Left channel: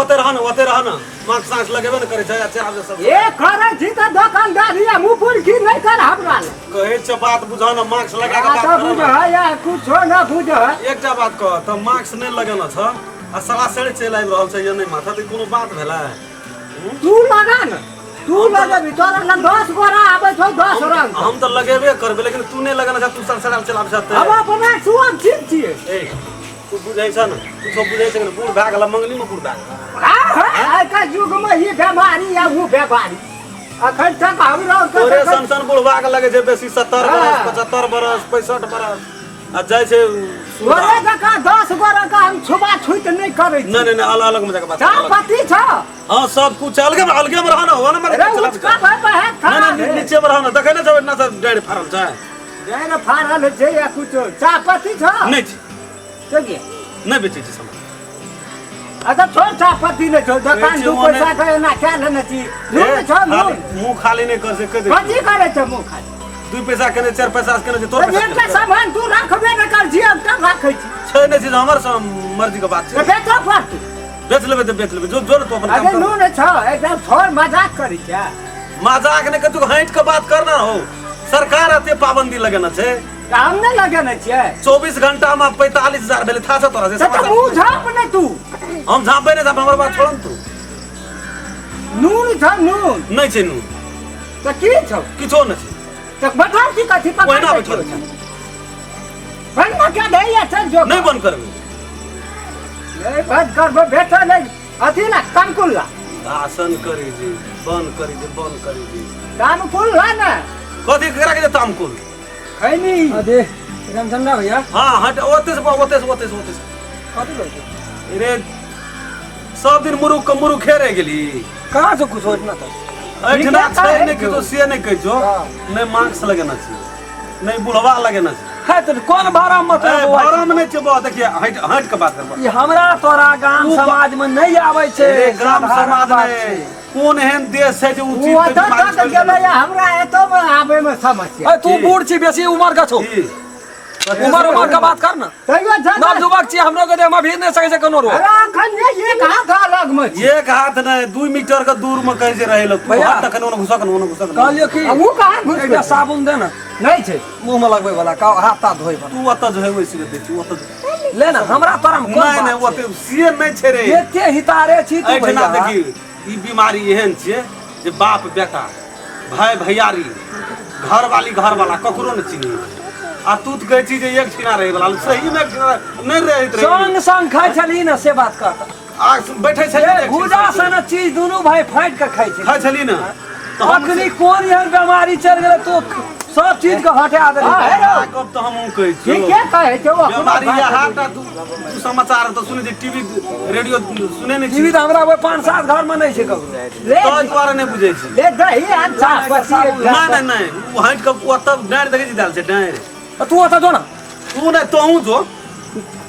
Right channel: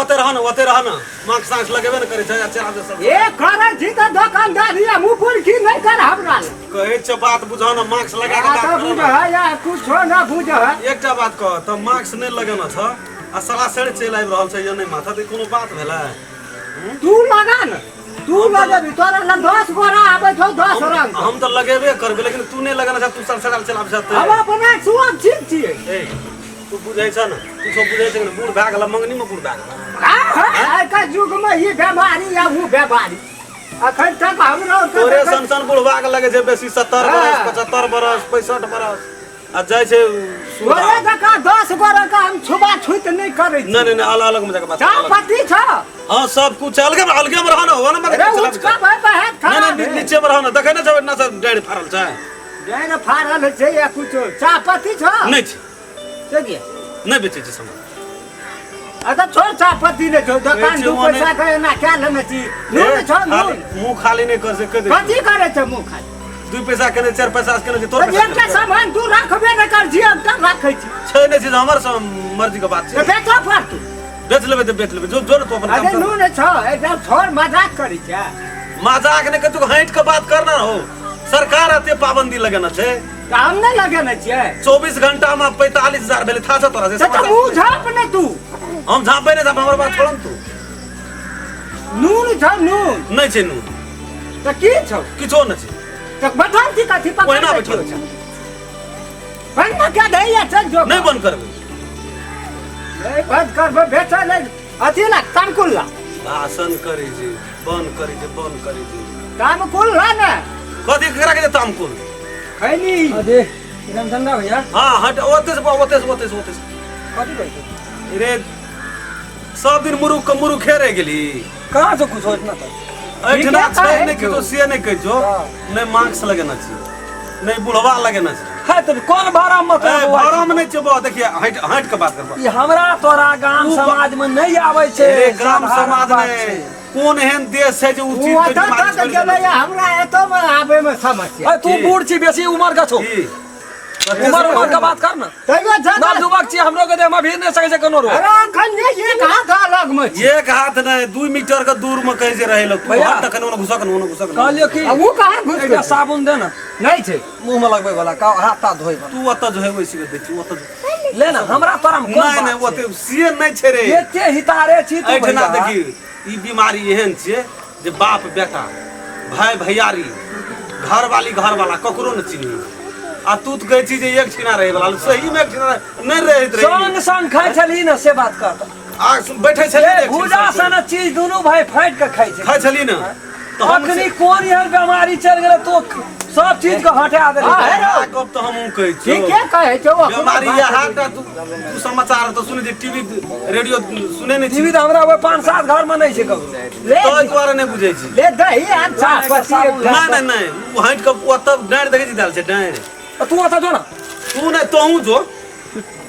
ओते रह न मार्क्स साक्स लगेबे न करे छै चला जे सब ए करे छी त दुकानदारी मुंह फुल की नहीं कर हमरा कहे छ बात बुझा न मार्क्स लगा के बात कर बुझ या कुछ ना बुझ एकटा बात कह त मार्क्स नहीं लगेना छ आ साला सेड़ चल आइब रहल छै या नहीं माथा त कोनो बात भेला तू लगा न तू लगे तोरा ल 10 गोरा आबै छौ 10 रंग हम त लगेबे करबे लेकिन तू नहीं लगाना छ तू सड़सड़ाल चलाब छ हम अपना सुअम ठीक छिए ए तू बुझै छ न तू सब बुझै छ न बूढ़ भा गेला मंगनी में बूढ़ भा गेला आइ का युग में ई बीमारी या वो बीमारी अखन तक हमरो तोरे सन बुढ़वा के लगे छै बेसी 70 बरस 75 बरस 65 बरस आ जाय छै ओरे जका 10 गोरा का हम छुबा छुत नहीं करे छी नहीं अलग अलग में जका बात पति छ हां सब कुछ अलगे में रह न हो न मत चला नहीं नीचे में रह न देखे न छ इतना सब डेढ़ फारल छै डेढ़ फारल छै या कुछ चापती छ नहीं छै के नहीं बेचे छै सामान अच्छा छोड़ चापती ने छो दुकान दू पैसा के ना क्या लेना छी नून छ मुंह खाली नहीं कर सके कथि करे छ मुंह खाली 2 पैसा के 4 पैसा के नहीं तोर पैसा के सामान तू रखबे न कर जी अब तक रखै छी छै नहीं छै हमर मर्जी के बात छै बेचो पर तू बेच लेबे तो बेच लेबे जो जो तो अपन काम अरे नून छ एकदम छोड़ मजाक करी क्या मजाक नहीं कतु हट के बात करना हो सरकार अते पाबंदी लगेना छै काम नहीं लगेना छै 24 घंटा में 45000 भेले था तोरा से तो मुंह झाप न तू हम झापे नहीं झाप हमर बात छोड़न तू नून छ नून नहीं छै नून त की छ किछो नहीं छै तो बैठा की कथि पकड़ ओहिना बैठल छै बंद क्या दैया चल जो नहीं बंद करबे नहीं बंद करबे बेचा ले अथी ना तमकुल्ला भाषण करी जी बंद करी जी तमकुल्ला ना कथि करा के तामकुल खैनी अरे रामचंद्र भैया हां हट ओते से कथि कहै रे सब दिन मुरुख खेरे गेली कहां से कुछ होत ना था ऐठना छै नहीं कि तो से नहीं कह जो नहीं मार्क्स लगेना छी नहीं बुढ़वा लगेना छी है तो कौन भाड़ा मत भाड़ा में नहीं छै देखिए हट के बात करबा ये हमरा तोरा गांव समाज में नहीं आवे छै रे गांव समाज में कोन एहन देश छै जे उचित वो तो गेलै हमरा एतो में आबे में समस्या तू बूढ़ छी बेसी उम्र का छो उम्र का बात कर ना तैयो ना युवक छी हमरो के हम भी नहीं सके छै कोनो रो अरे अखन एक हाथ अलग में एक हाथ नहीं 2 मीटर के दूर में कहीं से रहे लोग भैया तक ओने घुसक कहलियो कि वो कहां घुस एकटा साबुन दे ना नहीं छै मुंह में लगबै वाला का हाथ धोइ तू ओत जो है वैसी के दे तू ओत ले ना हमरा तोरा में नहीं नहीं ओते से नहीं छै रे एते हितारे छी तू ऐठना देखी ई बीमारी एहन छै जे बाप बेटा भाई भैयारी घर वाला ककरो न चिन्ही आ तू तो कहै छी जे एक छिना रहे वाला सही में एक छिना नहीं रहत रे संग खाइ छली ना से बात कर आ बैठे छली भूजा सन चीज दोनों भाई फाइट के खाइ छै खाइ छली ना तो अखनी कोन यार बीमारी चल गेले तो सब चीज के हटा दे कब तो हम कहै छी ठीक है कहै छै वो बीमारी या हाटा तू समाचार तो सुने जे टीवी रेडियो सुने नहीं टीवी त हमरा 5-7 घर में नहीं छै ककरो ले तो द्वारा नहीं बुझै छी ले दही अच्छा पति नहीं वो हट के ओत डाँड़ देखै छी डाल छै डाँड़ तू आता जो ना तू नहीं तोहू जो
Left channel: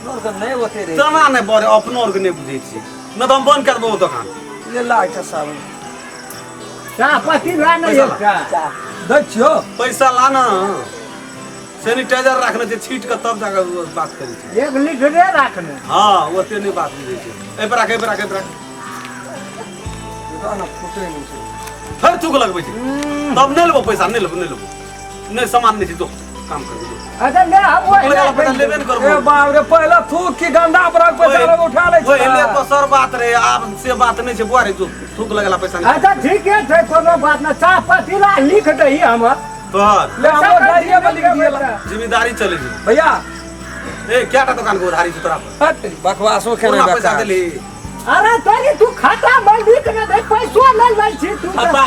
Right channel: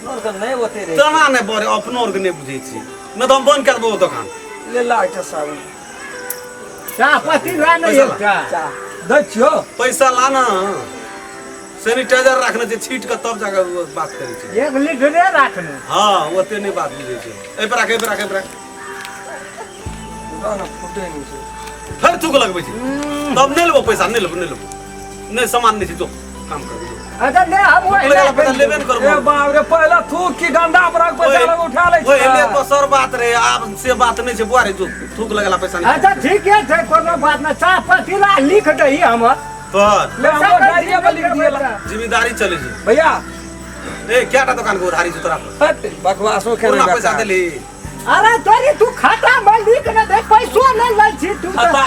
नहीं होते रे तना नहीं बरे अपनो और के नहीं बुझै छी न तो हम बंद कर देबो दुकान ले ला एकटा साबुन पति ला नहीं एकटा दै छियो पैसा लाना सैनिटाइजर रखने छै छीट के तब जाके बात करै छै 1 लीटर रखने हां ओते नहीं बात बुझै छै ए पर राख ना फुटे नहीं छै फिर तू को लगबै छै तब नहीं लेबो पैसा नहीं लेबो नहीं सामान नहीं छै तो काम कर दो अरे ले हम लगा पैसा लेबे न करबो ए बाप रे पहला थूक की गंदा पर पैसा लोग उठा ले ओए ले तो सर बात रे आब से बात नहीं छै बुआरे जो थूक लगला पैसा नहीं अच्छा ठीक है कोनो बात ना चाह पति ला लिख दही हम पर ले हमरो डायरिया में लिख दिएला जिम्मेदारी चले छै भैया ए केटा दुकान के उधारी छै तोरा पर बकवासो पूरा खेले पैसा देली अरे तोरी तू खाता में लिख न दे पैसो न लै छी तू खाता